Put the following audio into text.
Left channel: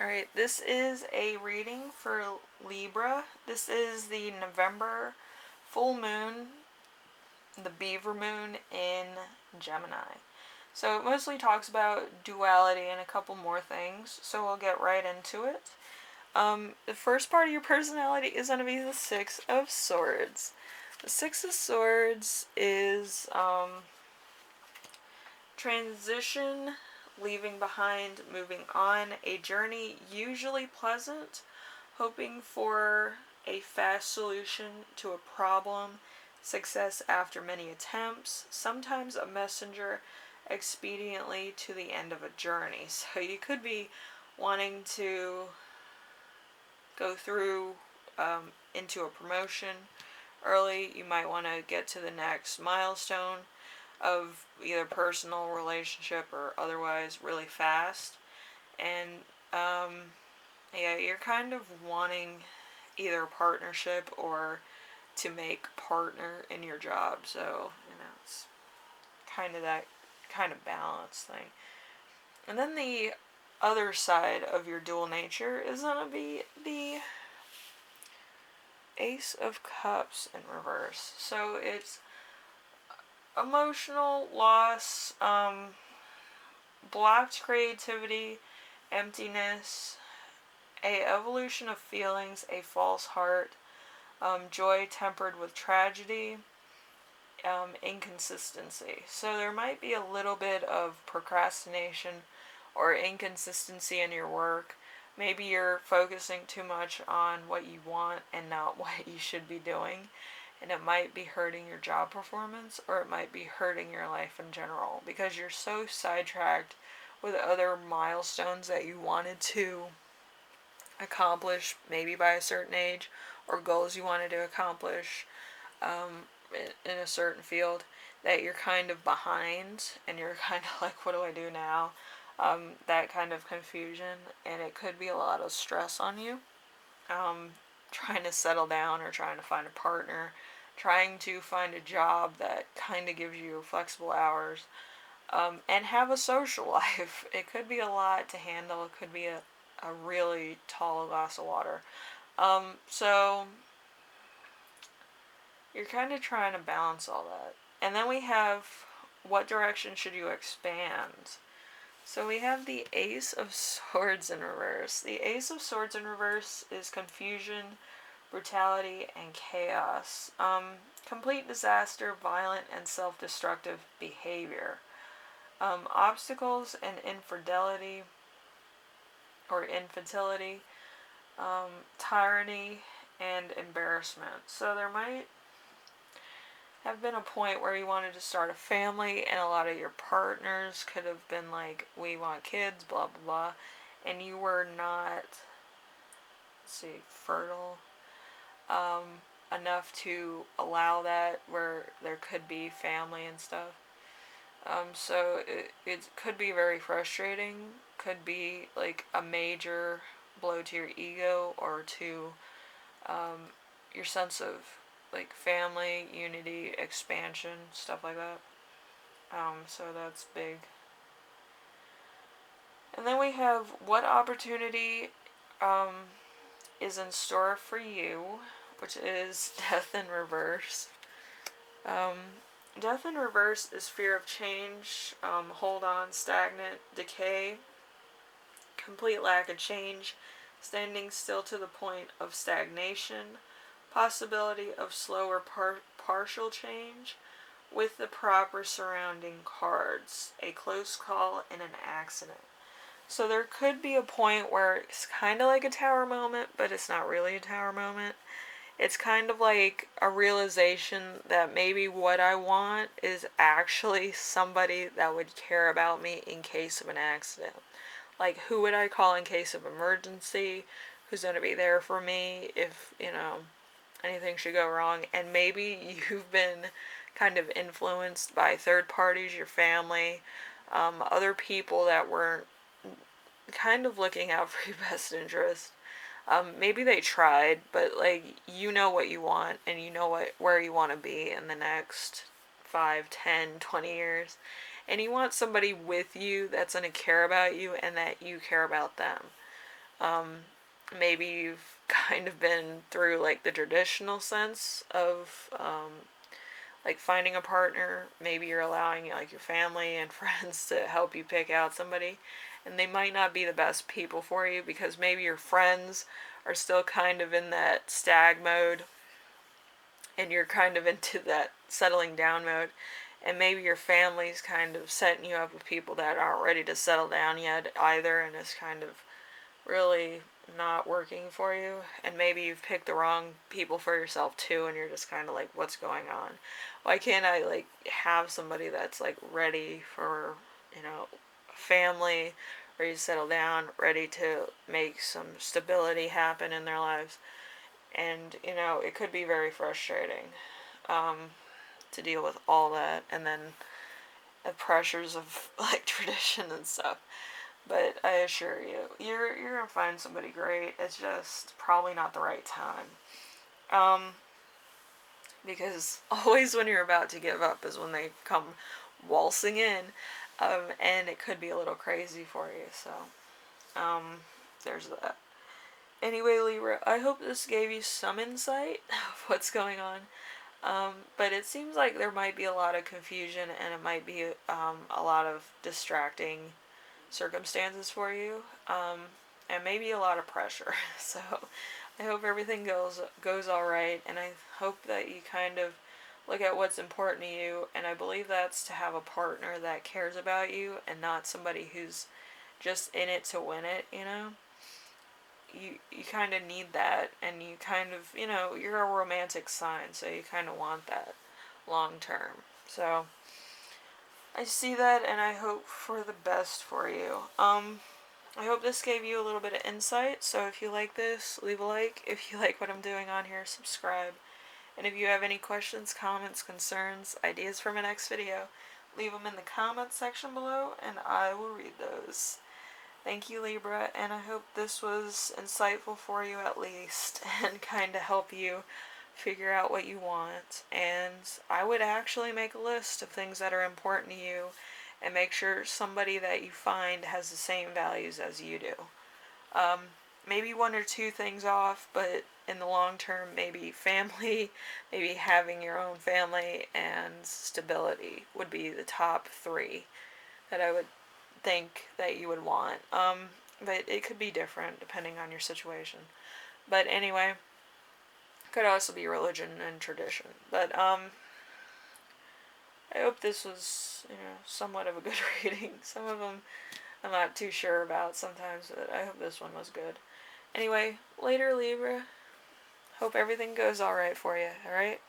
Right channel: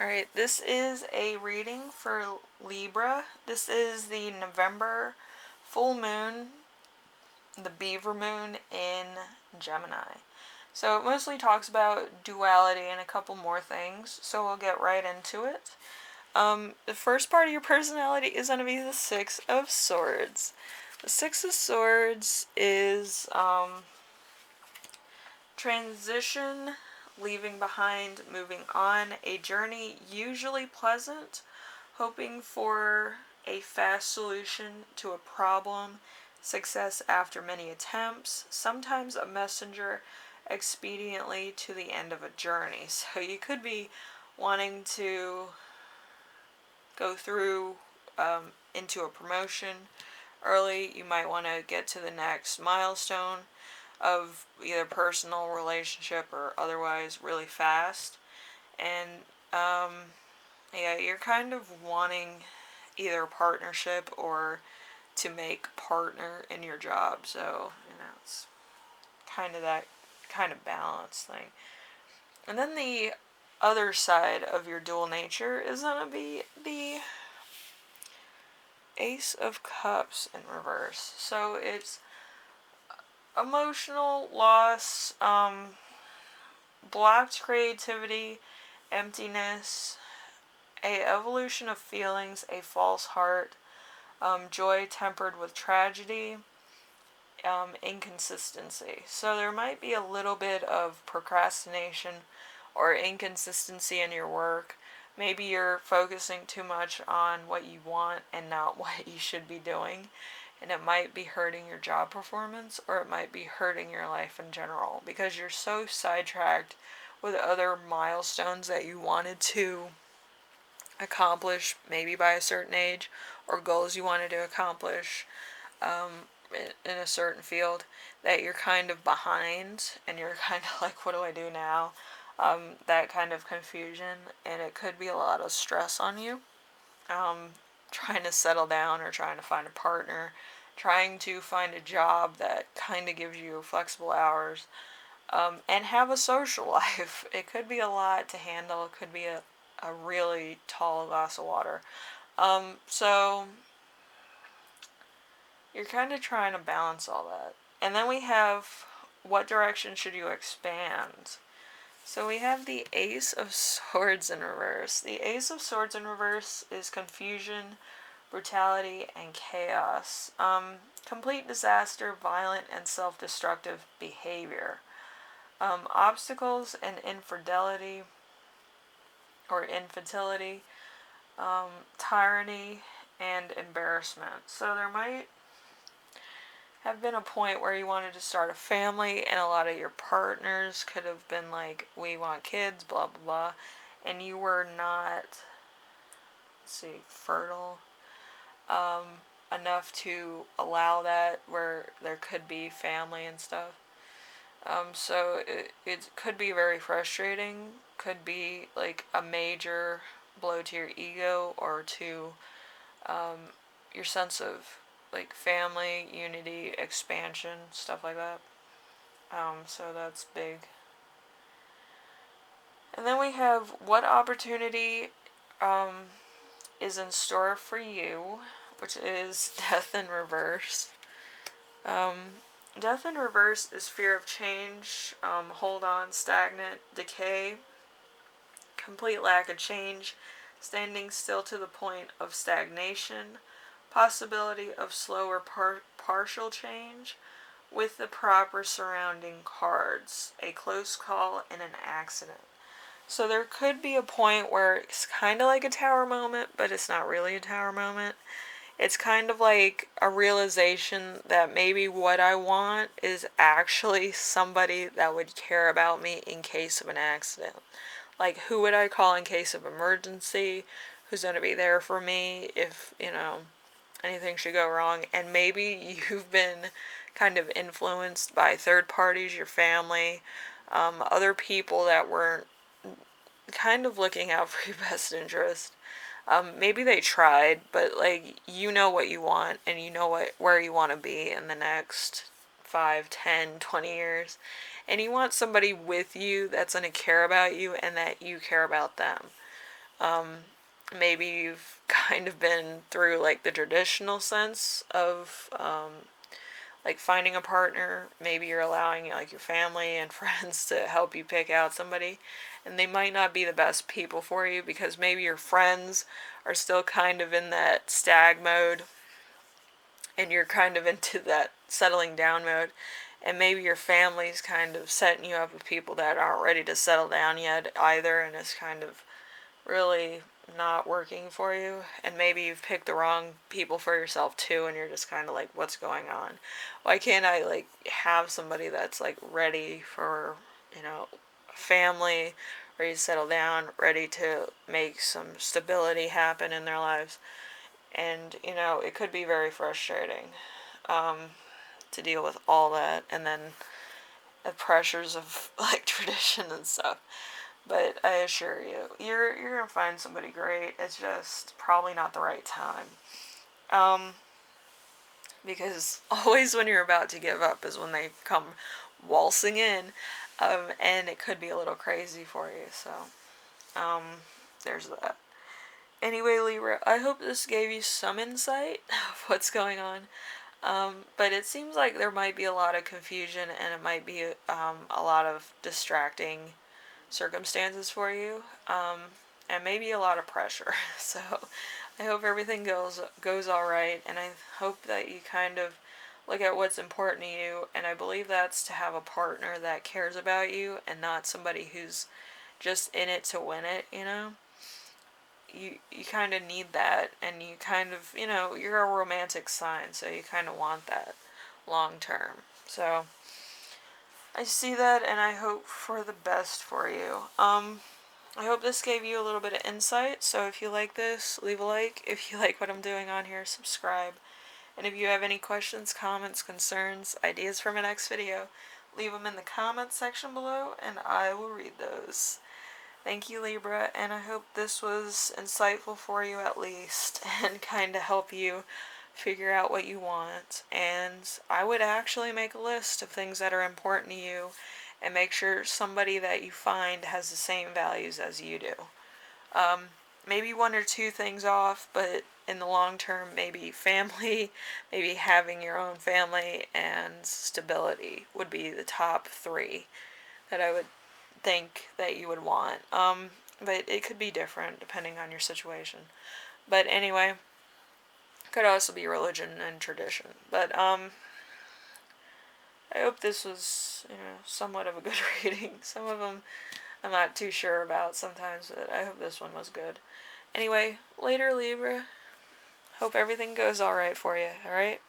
Alright, this is a reading for Libra. This is the November full moon, the Beaver moon in Gemini. So it mostly talks about duality and a couple more things, so we'll get right into it. The first part of your personality is going to be the Six of Swords. The Six of Swords is transition, leaving behind, moving on, a journey usually pleasant, hoping for a fast solution to a problem, success after many attempts, sometimes a messenger expediently to the end of a journey. So you could be wanting to go through into a promotion early. You might want to get to the next milestone of either personal relationship or otherwise really fast. And yeah, you're kind of wanting either a partnership or to make partner in your job. So, it's kind of that kind of balance thing. And then the other side of your dual nature is going to be the Ace of Cups in reverse. So it's emotional loss, blocked creativity, emptiness, a evolution of feelings, a false heart, joy tempered with tragedy, inconsistency. So there might be a little bit of procrastination or inconsistency in your work. Maybe you're focusing too much on what you want and not what you should be doing. And it might be hurting your job performance, or it might be hurting your life in general because you're so sidetracked with other milestones that you wanted to accomplish maybe by a certain age, or goals you wanted to accomplish in a certain field, that you're kind of behind and you're kind of like, what do I do now? That kind of confusion, and it could be a lot of stress on you. Trying to settle down or trying to find a partner, trying to find a job that kind of gives you flexible hours, and have a social life. It could be a lot to handle. It could be a really tall glass of water. So you're kind of trying to balance all that. And then we have, what direction should you expand? So we have the Ace of Swords in reverse. The Ace of Swords in reverse is confusion, brutality, and chaos. Complete disaster, violent, and self-destructive behavior. Obstacles and infidelity or infertility, tyranny, and embarrassment. So there might have been a point where you wanted to start a family, and a lot of your partners could have been like, we want kids, blah blah blah, and you were not, fertile enough to allow that, where there could be family and stuff. So it could be very frustrating, could be like a major blow to your ego or to your sense of like family, unity, expansion, stuff like that. So that's big. And then we have, what opportunity is in store for you, which is Death in reverse. Death in reverse is fear of change, hold on, stagnant, decay, complete lack of change, standing still to the point of stagnation, possibility of slower partial change, with the proper surrounding cards, a close call, and an accident. So there could be a point where it's kind of like a tower moment, but it's not really a tower moment. It's kind of like a realization that maybe what I want is actually somebody that would care about me in case of an accident. Like, who would I call in case of emergency? Who's going to be there for me if, anything should go wrong? And maybe you've been kind of influenced by third parties, your family, other people that weren't kind of looking out for your best interest. Maybe they tried, but like, you know what you want, and you know where you want to be in the next 5, 10, 20 years. And you want somebody with you that's going to care about you and that you care about them. Maybe you've kind of been through like the traditional sense of like finding a partner. Maybe you're allowing like your family and friends to help you pick out somebody, and they might not be the best people for you because maybe your friends are still kind of in that stag mode and you're kind of into that settling down mode, and maybe your family's kind of setting you up with people that aren't ready to settle down yet either, and it's kind of really not working for you, and maybe you've picked the wrong people for yourself too, and you're just kind of like, what's going on? Why can't I like have somebody that's like ready for, a family, ready to settle down, ready to make some stability happen in their lives? And it could be very frustrating um, to deal with all that, and then the pressures of like tradition and stuff. But I assure you, you're gonna find somebody great. It's just probably not the right time. Um, because always when you're about to give up is when they come waltzing in, and it could be a little crazy for you. So, um, there's that. Anyway, Libra, I hope this gave you some insight of what's going on. But it seems like there might be a lot of confusion and it might be a lot of distracting circumstances for you, and maybe a lot of pressure. So I hope everything goes all right, and I hope that you kind of look at what's important to you. And I believe that's to have a partner that cares about you and not somebody who's just in it to win it. You kind of need that, and you kind of you're a romantic sign, so you kind of want that long term. So I see that, and I hope for the best for you. I hope this gave you a little bit of insight. So if you like this, leave a like. If you like what I'm doing on here, subscribe. And if you have any questions, comments, concerns, ideas for my next video, leave them in the comments section below, and I will read those. Thank you, Libra, and I hope this was insightful for you at least, and kind of help you figure out what you want. And I would actually make a list of things that are important to you and make sure somebody that you find has the same values as you do. Maybe one or two things off, but in the long term, maybe family, maybe having your own family, and stability would be the top three that I would think that you would want. But it could be different depending on your situation. But anyway, could also be religion and tradition. But I hope this was somewhat of a good reading. Some of them I'm not too sure about sometimes, but I hope this one was good. Anyway, later, Libra. Hope everything goes alright for you, alright?